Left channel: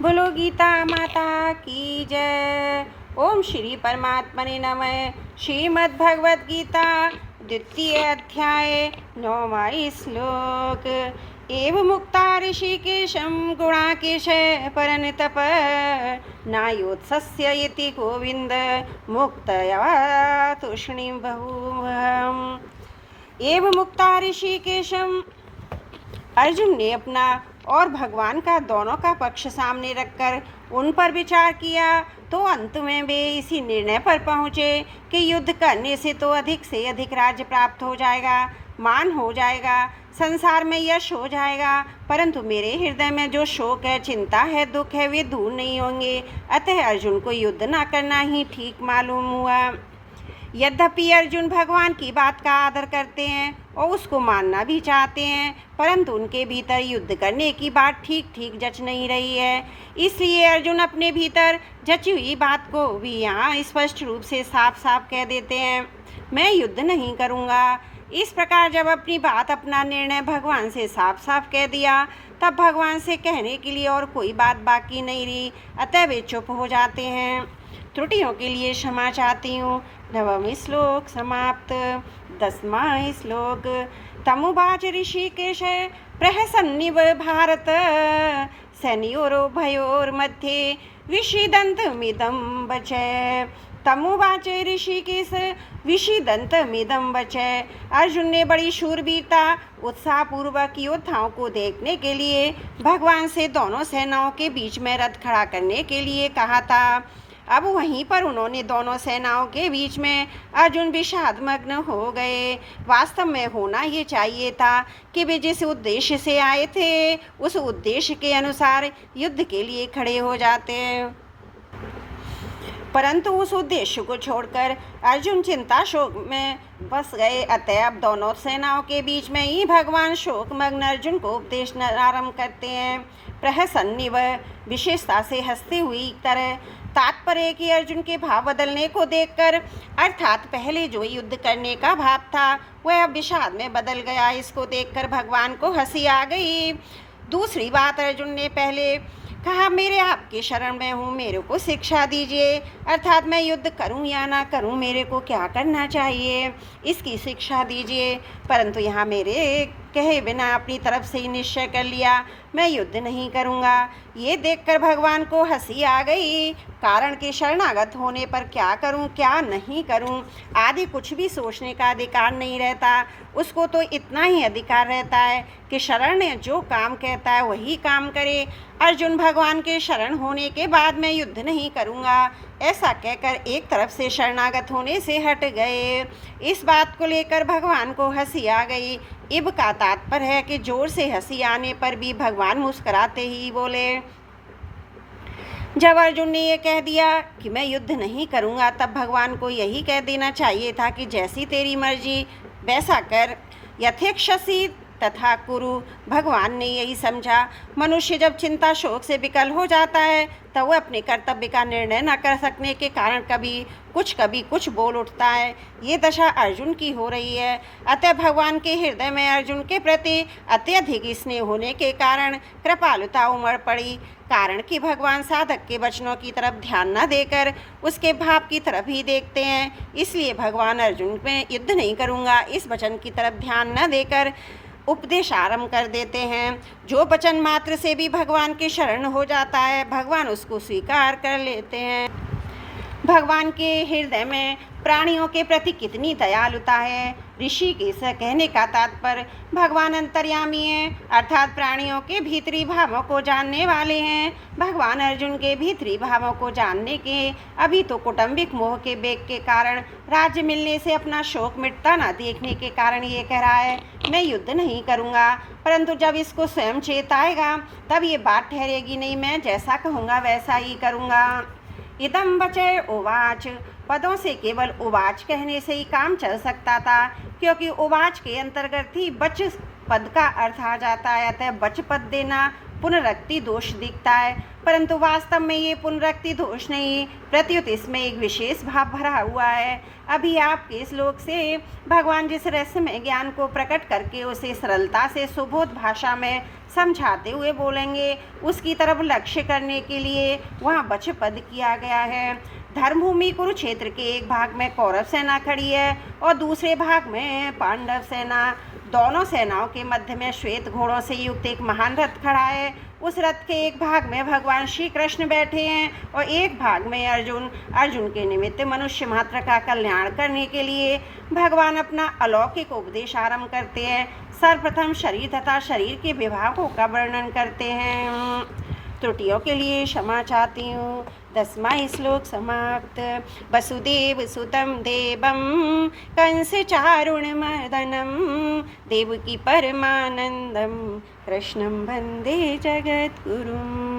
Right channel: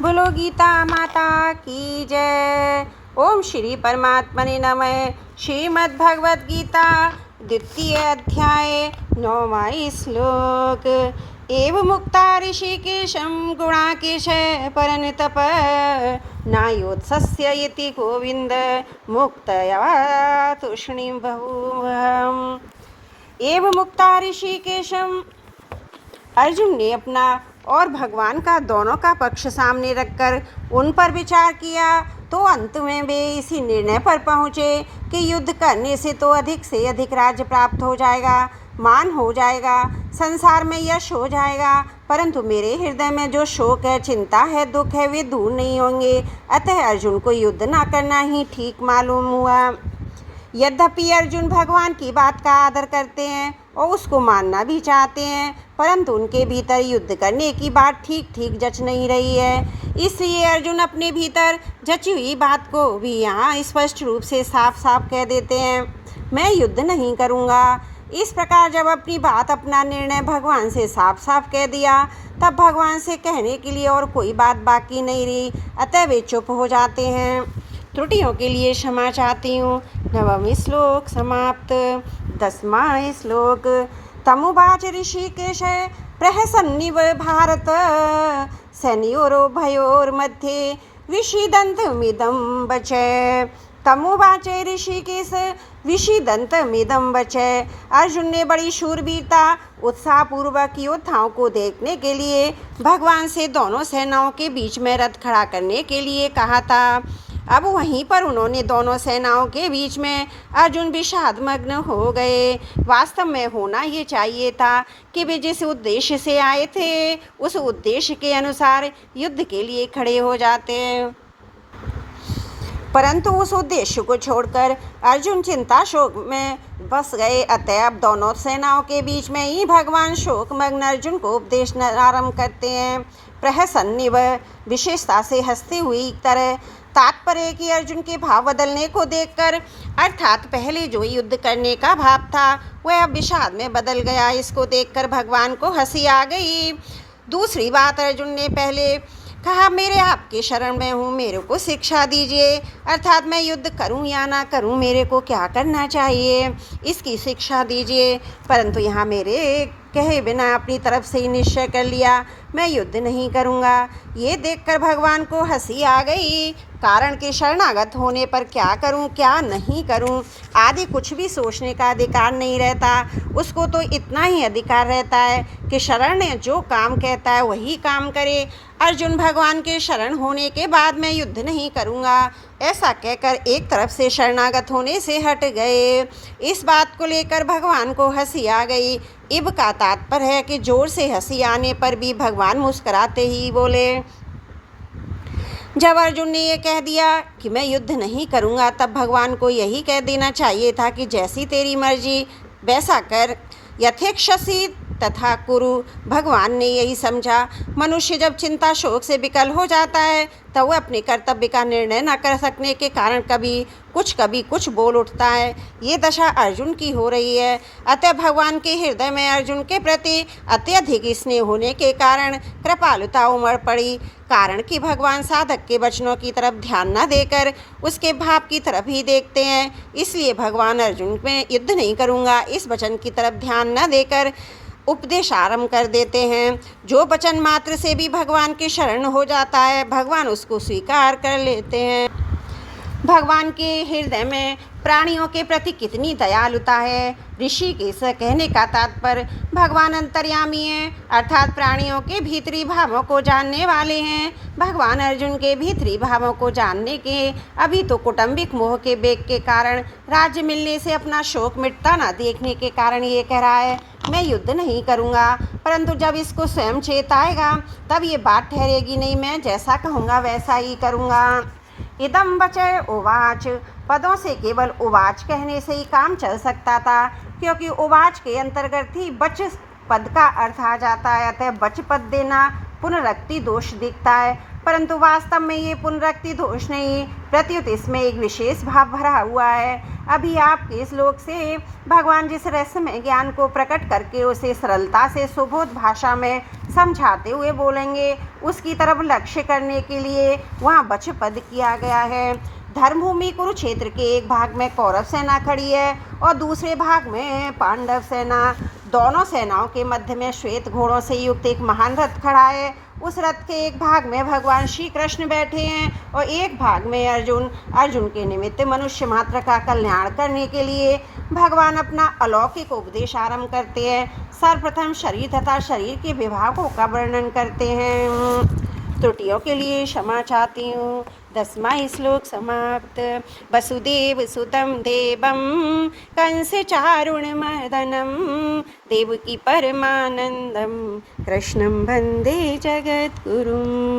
बोलो गीता माता की जय। ओम श्री परमात्मने नमः। श्रीमद् भगवद गीता द्वितीय अध्याय 9वां श्लोक। एव मुक्ता ऋषिकेशं गुणाकेश परन्तप नायोत्सस्य इति गोविंद मुक्तया तूष्णीं बहुवहम्। एव मुक्ता ऋषिकेशं, अर्जुन ने अपना और भगवान का दोनों का पक्ष सामने रखकर उन पर विचार किया तो अंत में वे इसी निर्णय पर पहुँचे कि युद्ध करने से तो अधिक से अधिक राज्य प्राप्त हो जाएगा, मान हो जाएगा, संसार में यश हो जाएगा, परंतु मेरे हृदय में जो शोक है, चिंता है, दुख है, वे दूर नहीं होंगे। अतः अर्जुन को युद्ध न करना ही ठीक मालूम हुआ। यद्यपि अर्जुन भगवान की बात का आदर करते हैं और उसको मानना भी चाहते हैं, परंतु उनके भीतर युद्ध करने की बात ठीक ठीक जच नहीं रही है। इसलिए अर्जुन अपने भीतर जची हुई बात को भी यहाँ स्पष्ट रूप से साफ साफ कह देते हैं, मैं युद्ध नहीं करूँगा। इस प्रकार जब अपनी बात, अपना निर्णय भगवान से साफ साफ कह दिया, तब भगवान से कहने के लिए और कोई बात बाकी नहीं रही। अतः वे चुप हो जाते हैं। त्रुटियों के लिए क्षमा चाहती हूँ। 9वां श्लोक समाप्त। 10वां श्लोक। तमुवाच ऋषिकेश प्रहसन्निव भारत सैन्योर्भयोर्मध्ये विषीदन्तमिदं वचः। तमुवाच ऋषिकेश विषीदन्तमिदं वचः। अर्जुन ने बड़ी शूरवीरता उत्साहपूर्वक योद्धाओं को देखने के लिए भगवान से दोनों सेनाओं के बीच में रथ खड़ा करने के लिए कहा था। अब वहीं पर उन्होंने दोनों सेनाओं के बीच में अर्जुन विषादमग्न हो गए। वास्तव में होना ये चाहिए था कि वे जिस उद्देश्य से आए थे उस उद्देश्य के अनुसार युद्ध के लिए खड़े हो जाते, परंतु उस उद्देश्य को छोड़कर अर्जुन चिंता शोक में बस गए। अतः अब दोनों सेनाओं के बीच में ही भगवान शोकमग्न अर्जुन को उपदेश आरंभ करते हैं। प्रहसन्निव, विशेषता से हंसती हुई तरह। तात्पर्य कि अर्जुन के भाव बदलने को देखकर, अर्थात पहले जो युद्ध करने का भाव था वह अब विषाद में बदल गया। इसको देखकर भगवान को हंसी आ गई। दूसरी बात, अर्जुन ने पहले कहा, मेरे आपके शरण में हूँ, मेरे को शिक्षा दीजिए, अर्थात मैं युद्ध करूँ या ना करूँ, मेरे को क्या करना चाहिए, इसकी शिक्षा दीजिए। परंतु यहाँ मेरे कहे बिना अपनी तरफ से ही निश्चय कर लिया, मैं युद्ध नहीं करूँगा। ये देखकर भगवान को हंसी आ गई। कारण के शरणागत होने पर क्या करूं, क्या नहीं करूं आदि कुछ भी सोचने का अधिकार नहीं रहता। उसको तो इतना ही अधिकार रहता है कि शरण ने जो काम कहता है वही काम करे। अर्जुन भगवान के शरण होने के बाद मैं युद्ध नहीं करूंगा ऐसा कहकर एक तरफ से शरणागत होने से हट गए। इस बात को लेकर भगवान को हंसी आ गई। इब का तात्पर्य है कि जोर से हंसी आने पर भी भगवान मुस्कुराते ही बोले। जब अर्जुन ने यह कह दिया कि मैं युद्ध नहीं करूंगा, तब भगवान को यही कह देना चाहिए था कि जैसी तेरी मर्जी वैसा कर, यथेक्षसी तथा कुरु। भगवान ने यही समझा। मनुष्य जब चिंता शोक से विकल हो जाता है तब वह अपने कर्तव्य का निर्णय न कर सकने के कारण कभी कुछ बोल उठता है। ये दशा अर्जुन की हो रही है। अतः भगवान के हृदय में अर्जुन के प्रति अत्यधिक स्नेह होने के कारण कृपालुता उमड़ पड़ी। कारण कि भगवान साधक के वचनों की तरफ ध्यान न देकर उसके भाव की तरफ ही देखते हैं। इसलिए भगवान अर्जुन में युद्ध नहीं करूँगा इस वचन की तरफ ध्यान न देकर उपदेश आरंभ कर देते हैं। जो वचन मात्र से भी भगवान के शरण हो जाता है, भगवान उसको स्वीकार कर लेते हैं। भगवान के हृदय में प्राणियों के प्रति कितनी दयालुता है। ऋषि के स कहने का तात्पर्य भगवान अंतर्यामी हैं, अर्थात प्राणियों के भीतरी भावों को जानने वाले हैं। भगवान अर्जुन के भीतरी भावों को जानने के अभी तो कौटुंबिक मोह के वेग के कारण, राज्य मिलने से अपना शोक मिटता ना देखने के कारण ये कह रहा है मैं युद्ध नहीं करूँगा। परंतु जब इसको स्वयं चेत आएगा तब ये बात ठहरेगी नहीं, मैं जैसा कहूँगा वैसा ही करूँगा। इदम वचय उवाच। पदों से केवल उवाच कहने से ही काम चल सकता था, क्योंकि उवाच के अंतर्गत ही बच पद का अर्थ आ जाता है। अतः बच पद देना पुनरुक्ति दोष दिखता है, परंतु वास्तव में ये पुनरुक्ति दोष नहीं, प्रत्युत इसमें एक विशेष भाव भरा हुआ है। अभी आपके श्लोक से भगवान जिस रहस्यमय ज्ञान को प्रकट करके उसे सरलता से सुबोध भाषा में समझाते हुए बोलेंगे, उसकी तरफ लक्ष्य करने के लिए वहाँ वचपद किया गया है। धर्मभूमि कुरुक्षेत्र के एक भाग में कौरव सेना खड़ी है और दूसरे भाग में पांडव सेना। दोनों सेनाओं के मध्य में श्वेत घोड़ों से युक्त एक महान रथ खड़ा है। उस रथ के एक भाग में भगवान श्री कृष्ण बैठे हैं और एक भाग में अर्जुन। अर्जुन के निमित्त मनुष्य मात्र का कल्याण करने के लिए भगवान अपना अलौकिक उपदेश आरंभ करते हैं। सर्वप्रथम शरीर तथा शरीर के विभागों का वर्णन करते हैं। त्रुटियों के लिए क्षमा चाहती हूँ। 10वां श्लोक समाप्त। वसुदेव सुतं देवं कंस चारुणमर्दनं देवकी परमानंदं कृष्णं वंदे जगद्गुरुम्।